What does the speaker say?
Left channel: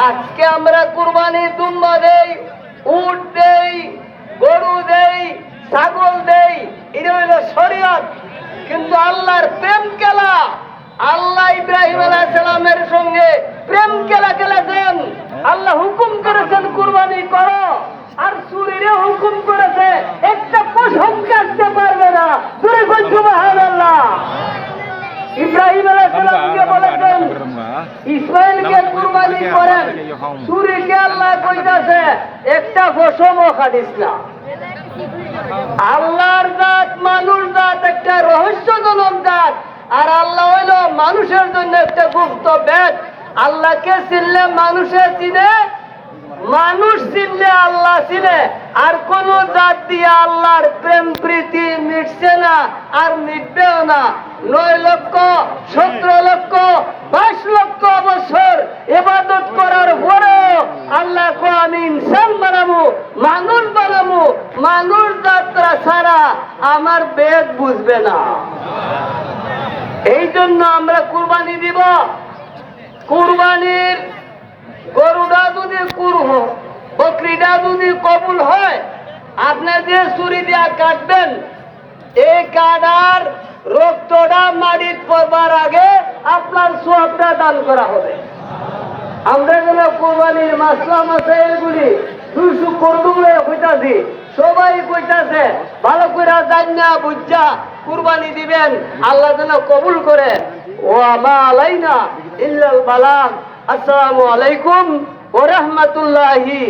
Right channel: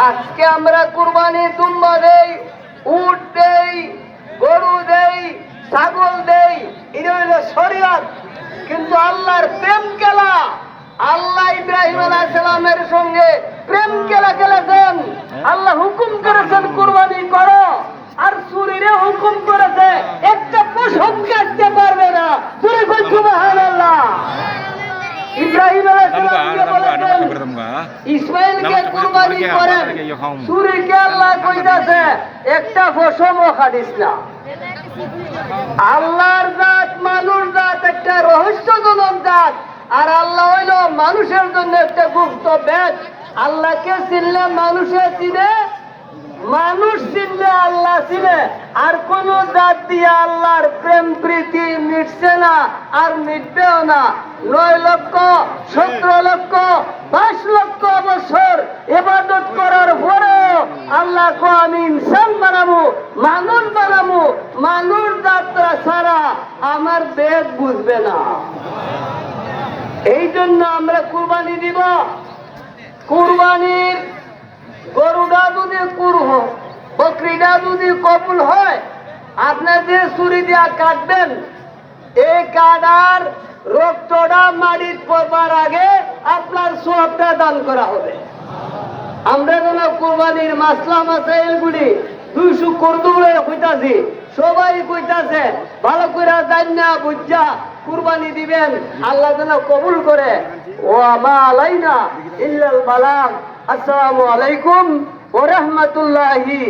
আজকে আমরা কুরবানি দুম্বা দেই উট দেই গরু দেই ছাগল দেই এটা হইল শরিয়ত। কিন্তু আল্লাহর প্রেম খেলা আল্লাহ ইব্রাহিম আলাইহিস সালামের সঙ্গে প্রেম খেলা খেলেছেন। আল্লাহ হুকুম করেছেন কুরবানি করো আর সুরিরে হুকুম করেছে। একটা পশম কাটতে পারবে না। তুই কই সুবহানাল্লাহ। ইব্রাহিম আলাইহিস ka, বলেছেন. ইসমাইলকে কুরবানি করেন সুরিকে আল্লাহ কইতাছে, একটা পশমও খাটিস না। আল্লাহর জাত, মানুষ জাত, একটা রহস্যজনক জাত। আর আল্লাহ হইল মানুষের জন্য একটা গুপ্ত ব্যাচ আল্লাহকে চিনলে মানুষে চিনে, মানুষ চিনলে আল্লাহ চিনে। আর কোন জাত দিয়ে আল্লাহর প্রেম প্রীতি মিটছে না আর মিটবেও না। নয় লক্ষ, সতেরো লক্ষ কো আমি ইনসান বানাবো, মানুষ বানাবো, মানুষ যাত্রা ছাড়া আমার বেদ বুঝবে না। এই জন্য আমরা কুরবানি দিব। কুরবানির গরুটা যদি কুরহ বকরিটা যদি কবুল হয় আপনার যে ছুরি দিয়া কাটবেন, এই কাটার রক্তটা মাটির পড়বার আগে আপনার সবটা দান করা হবে। আমরা যেন কোরবানির মাসলা মাসাইল গুলি, দুইশো কর্তব্যের হইতাছি। সবাই কইতাছে, ভালো করে জান্না বুঝা কুরবানি দিবেন, আল্লাহ যেন কবুল করে। ও আমা আলাইনা ইল্লাল বালাম আসসালামু আলাইকুম ওয়া রাহমাতুল্লাহি